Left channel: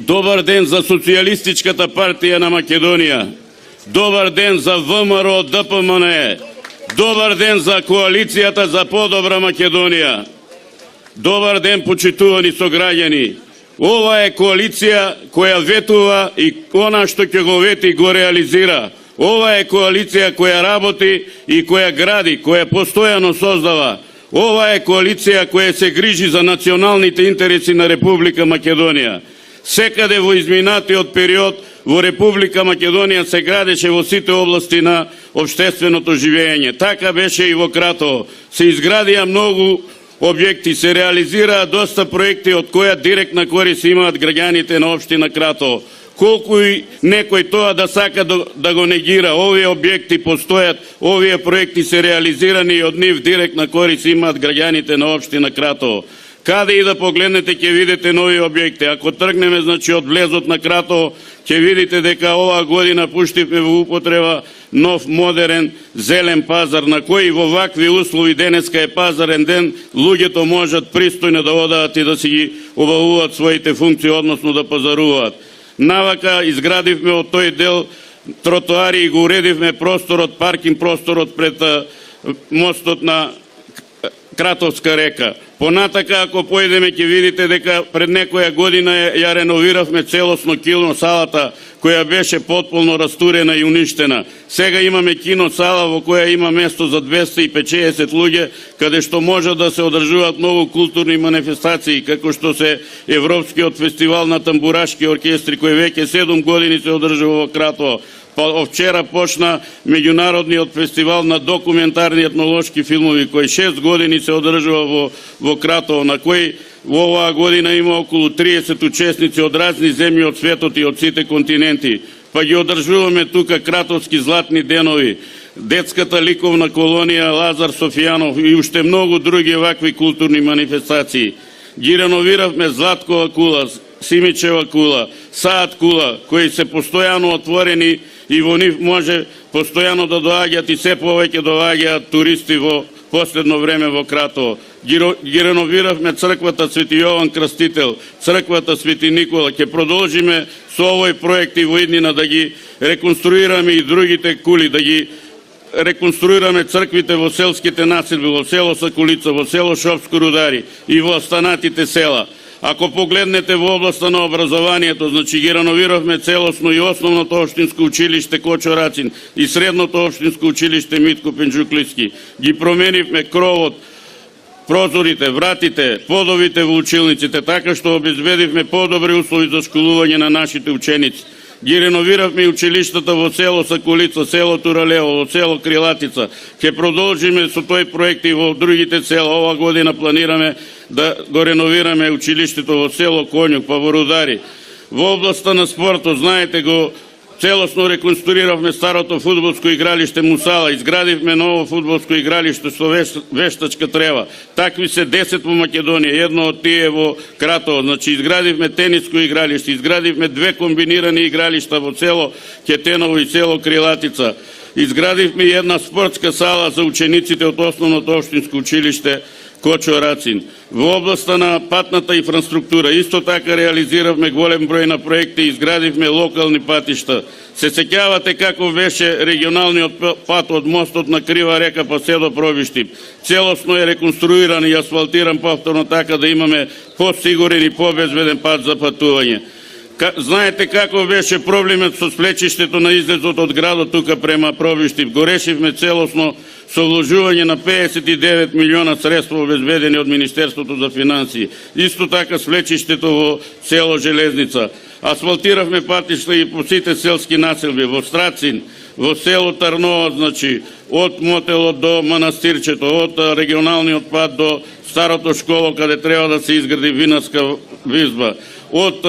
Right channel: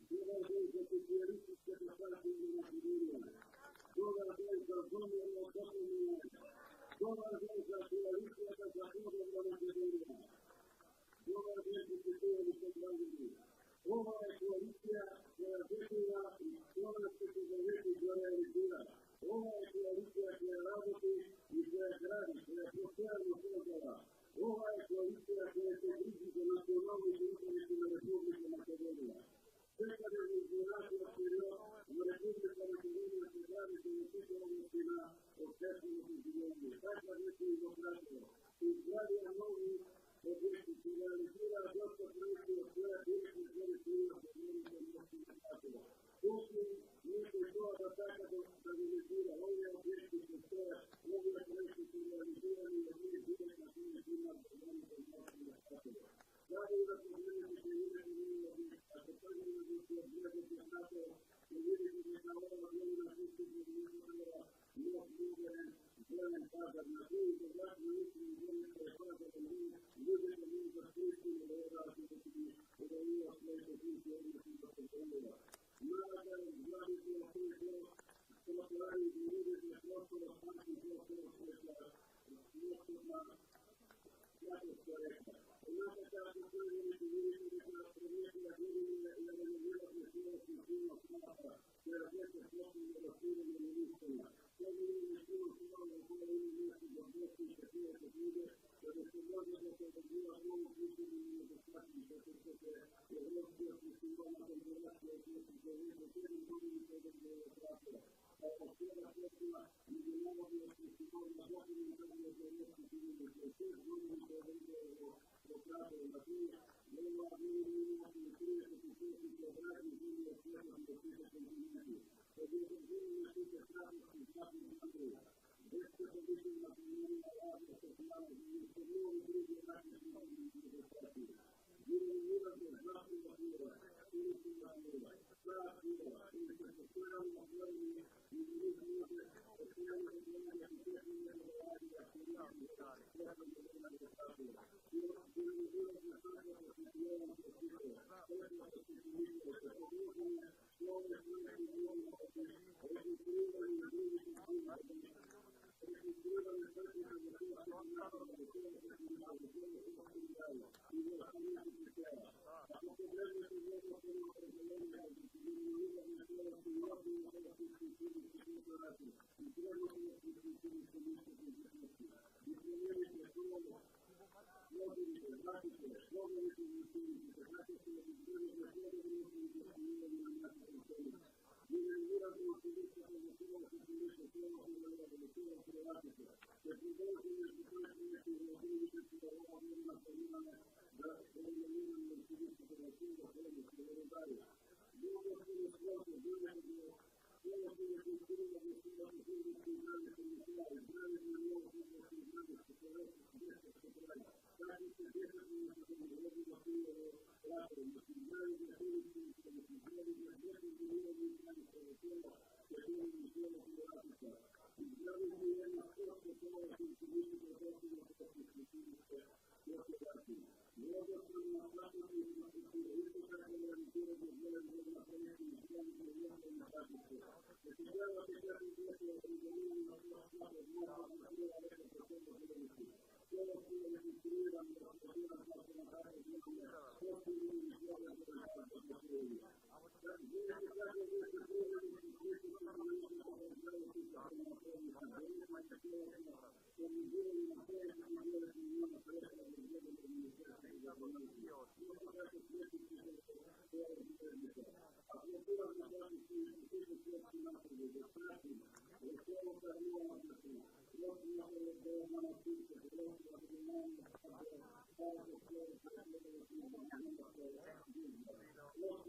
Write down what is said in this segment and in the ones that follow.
Добар ден за Социјалистичката партија на Македонија. Добар ден за ВМРО ДПМНЕ. Добар ден за коалицијата за подобра Македонија. Добар ден, почитувани сограѓани. Ова е коалиција која ветува и она што ќе го вети го реализира. Ова е коалиција која работи и која гради, која постојано создава. Ова е коалиција која се грижи за националните интереси на Република Македонија. Секаде во изминатиот период во Република Македонија се градеше во сите области на општественото живење. Така беше и во Кратово. Се изградија многу објекти, се реализираа доста проекти од која директна корист имаат граѓаните на општина Кратово. Колку и некој тоа да сака да го негира, овие објекти постојат, овие проекти се реализирани и од нив директна корист имаат граѓаните на општина Кратово. Каде и да погледнете ќе видите нови објекти. Ако тргнеме од влезот на Кратово, ќе видите дека оваа година пуштивме во употреба нов модерен зелен пазар, на кој во вакви услови денеска е пазарен ден, луѓето можат пристојно да одат и да си ги обавуваат своите функции, односно да пазаруваат. Навака изградивме од тој дел тротоари и го уредивме просторот, паркинг просторот пред мостот на Кратовска река. Понатака, ако појдеме, ќе видите дека пред некоја година ја реновиравме целосно кино салата, која беше потполно растурена и уништена. Сега имаме кино сала во која има место за 250 луѓе, каде што може да се одржуваат многу културни манифестации, како што се Европскиот фестивал на тамбурашки оркестри, кој веќе 7 години се одржува во Кратово. Вчера почна меѓународниот фестивал на документарни етнолошки филмови, кој 6 години се одржува во Кратово, на кој во оваа година има околу 30 учесници од разни земји од светот и од сите континенти. Па ги одржуваме тука Кратовски златни денови, детската ликовна колонија Лазар Софијанов и уште многу други вакви културни манифестации. Ги реновиравме Златкова кула, Симичева кула, Саат кула, кои се постојано отворени и во нив може постојано да доаѓаат и се повеќе доаѓаат туристи во последно време во Кратово. Ги реновиравме црквата Свети Јован Крстител, црквата Свети Никола. Ќе продолжиме со овој проект и во иднина да ги реконструираме и другите кули, да ги реконструираме црквите во селските населби, во село Сакулица, во село Шопско Рудари и во останатите села. Ако погледнете во областа на образованието, значи ги реновиравме целосно и основното општинско училиште Кочо Рацин и средното општинско училиште Митко Пенџуклиски. Ги променивме кровот, прозорите, вратите, подовите во училниците, така што обезбедивме подобри услови за школување на нашите ученици. Ги реновиравме и училиштата во село Сакулица, село Туралево, во село Крилатица. Ќе продолжиме со тој проект и во другите села. Ова година планираме да го реновираме училиштето во село Конјук, па во Рудари. Во областа на спортот, знаете го, целосно реконструиравме старото фудбалско игралиште Мусала, изградивме ново фудбалско игралиште со вештачка трева. Такви се 10 во Македонија, едно од тие во Кратово. Значи изградивме тениско игралиште, изградивме 2 комбинирани игралишта во село Кетеново и село Крилатица. Изградивме и една спортска сала за учениците од основното општинско училиште Кочо Рацин. Во областа на патната инфраструктура исто така реализиравме голем број на проекти и изградивме локални патишта. Се сеќавате како беше регионалниот пат од мостот на Крива река па се до Пробиштип. Целосно е реконструиран и асфалтиран повторно така да имаме посигурен и побезбеден пат за патување. Знаете како беше проблемот со свлечиштето на излезот од градот тука према Пробиштип. Го решивме целосно со вложување на 59 милиона средства обезбедени од Министерството за финансии. Исто така свлечиштето во село Железница. Асфалтиравме патишта и по сите селски населби, во Страцин, во село Тарнова, значи, од мотелот до манастирчето, од регионалниот пат до старото школо, каде треба да се изгради винарска визба, од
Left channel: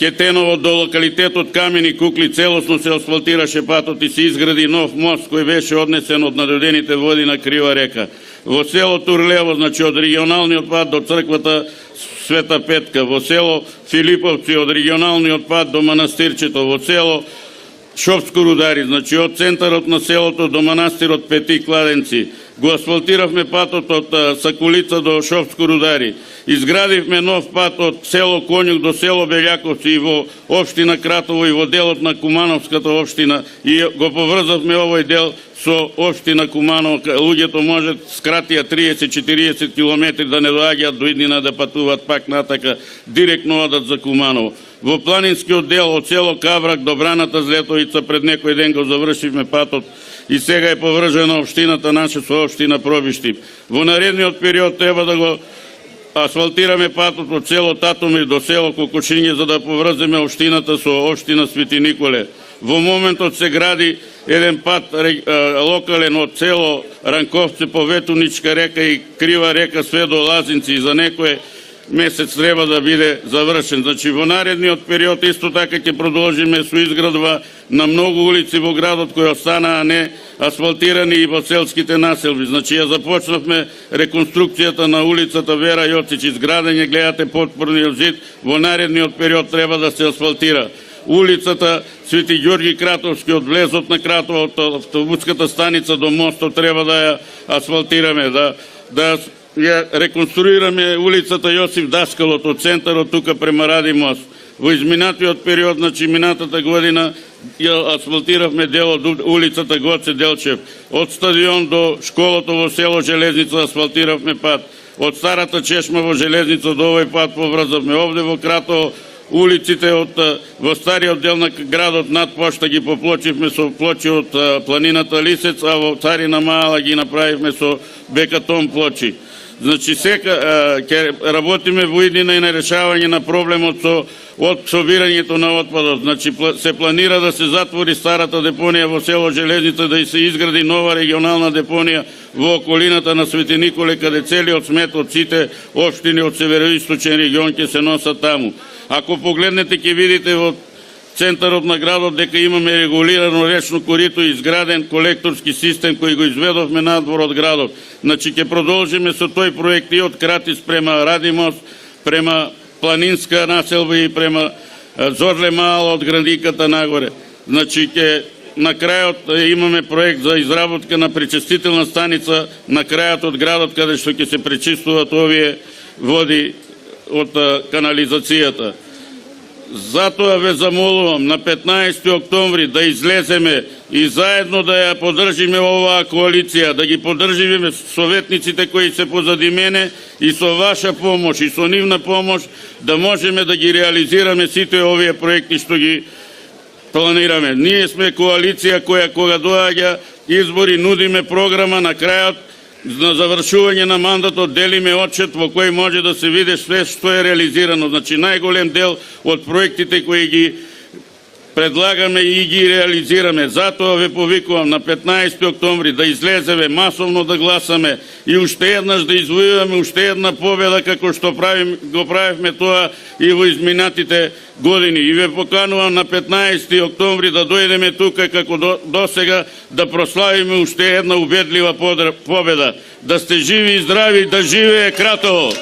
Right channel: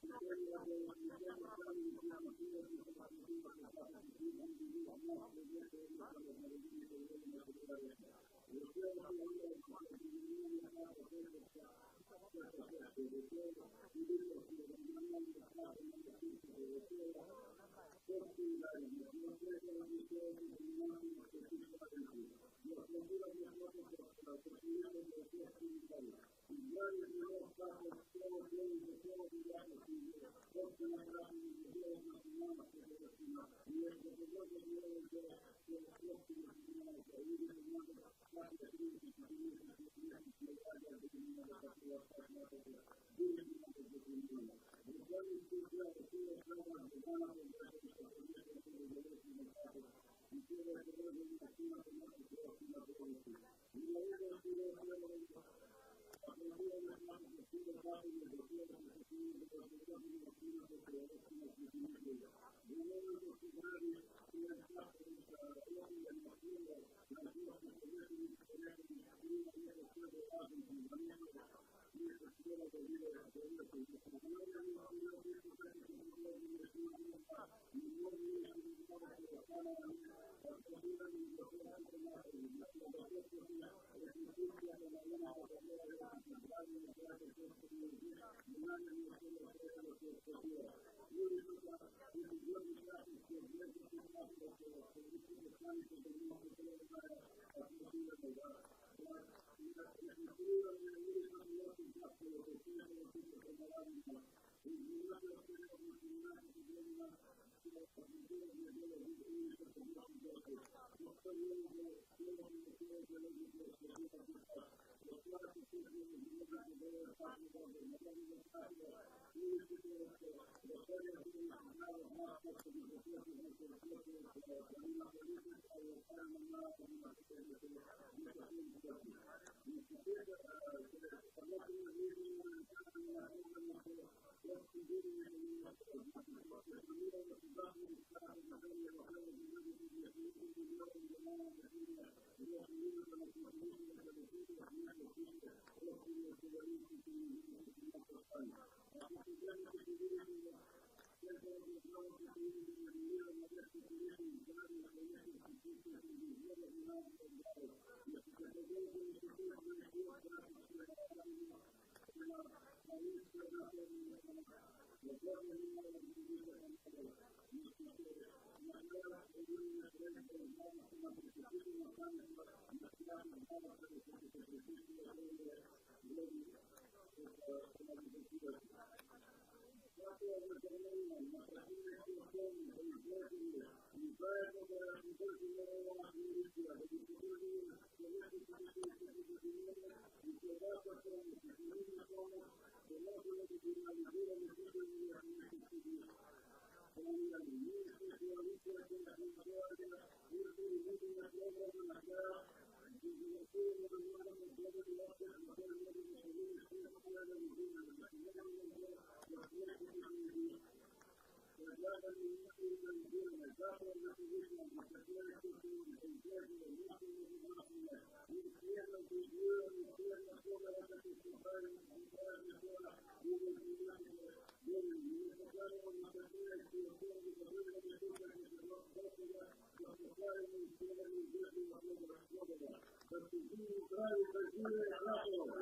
Кетеново до локалитетот Камени кукли целосно се асфалтираше патот и се изгради нов мост кој беше однесен од надодените води на Крива река. Во село Турлево, значи од регионалниот пат до црквата Света Петка, во село Филиповци од регионалниот пат до манастирчето, во село Шопско Рудари, значи од центарот на селото до манастирот Пети Кладенци. го асфалтиравме патот од Сакулица до Шопско Рудари. Изградивме нов пат од село Конјук до село Белјаковци и во општина Кратово и во делот на Кумановската општина и го поврзавме овој дел со општина Куманово. Луѓето можат скратија 30-40 километри да не доаѓаат до иднина да патуваат пак натака, директно одат за Куманово. Во планинскиот дел од село Каврак до Браната Злетовица пред некој ден го завршивме патот и сега е поврзана општината наша со општина Пробишти. Во наредниот период треба да го асфалтираме патот од село Татомир до село Кокошиње за да поврземе општината со општина Свети Николе. Во моментот се гради еден пат локален од село Ранковце по Ветуничка река и Крива река све до Лазинци и за некој месец треба да биде завршен. Значи во наредниот период исто така ќе продолжиме со изградба на многу улици во градот кои останаа не асфалтирани и во селските населби. Значи ја започнавме реконструкцијата на улицата Вера Јоцич, изградење, гледате потпорниот зид, во наредниот период треба да се асфалтира. Улицата Свети Ѓорги Кратовски од влезот на Кратово, од автобуската станица до мостот треба да ја асфалтираме, да ја реконструираме улицата Јосиф Даскалот од центарот тука према Ради мост. Во изминатиот период, значи минатата година, ја асфалтиравме дел од улицата Гоце Делчев. Од стадион до школото во село Железница асфалтиравме пат. Од старата чешма во Железница до овој пат поврзавме. Овде во Кратово улиците во стариот дел на градот над пошта ги поплочивме со плочи од планината Лисец, а во Царина Мала ги направивме со бекатон плочи. Значи сега ќе работиме во иднина и на решавање на проблемот со собирањето на отпадот. Значи се планира да се затвори старата депонија во село Железница, да се изгради нова регионална депонија во околината на Свети Николе, каде целиот смет од сите општини од североисточен регион ќе се носат таму. Ако погледнете ќе видите во центарот на градот дека имаме регулирано речно корито и изграден колекторски систем кој го изведовме надвор од градот. Значи ќе продолжиме со тој проект и од Кратис према Радимост, према Планинска населба и према Зорле Мала од градиката нагоре. Значи ќе на крајот имаме проект за изработка на пречистителна станица на крајот од градот каде што ќе се пречистуваат овие води од канализацијата. Затоа ве замолувам на 15 октомври да излеземе и заедно да ја поддржиме оваа коалиција, да ги поддржиме советниците кои се позади мене и со ваша помош и со нивна помош да можеме да ги реализираме сите овие проекти што ги планираме. Ние сме коалиција која кога доаѓа избори нудиме програма, на крајот на завршување на мандатот делиме отчет во кој може да се види све што е реализирано. Значи најголем дел од проектите кои ги предлагаме и ги реализираме. Затоа ве повикувам на 15 октомври да излеземе масовно да гласаме и уште еднаш да извојуваме уште една победа како што го правивме тоа и во изминатите години. И ве поканувам на 15 октомври да дојдеме тука како досега да прославиме уште една убедлива победа. Да сте живи и здрави, да живее Кратово!